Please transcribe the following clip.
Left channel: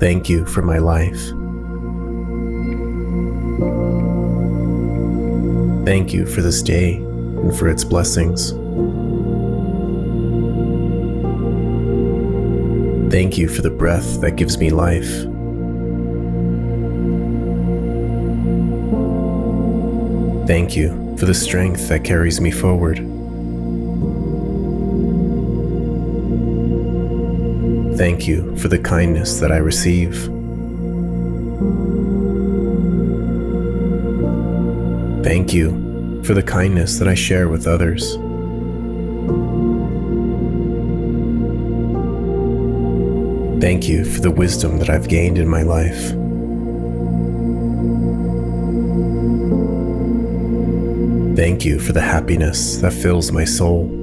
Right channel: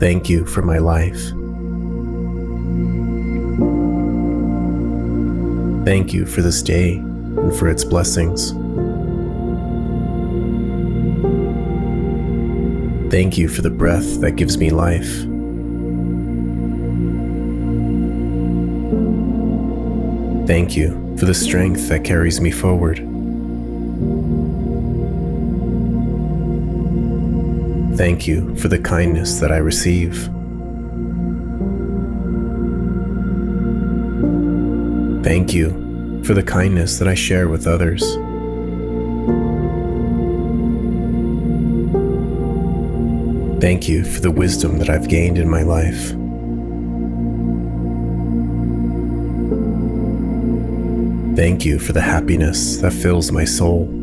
Thank you for my life. Thank you for this day and for its blessings. Thank you for the breath that gives me life. Thank you for the strength that carries me forward. Thank you for the kindness that I receive. Thank you for the kindness that I share with others. Thank you for the wisdom that I've gained in my life. Thank you for the happiness that fills my soul.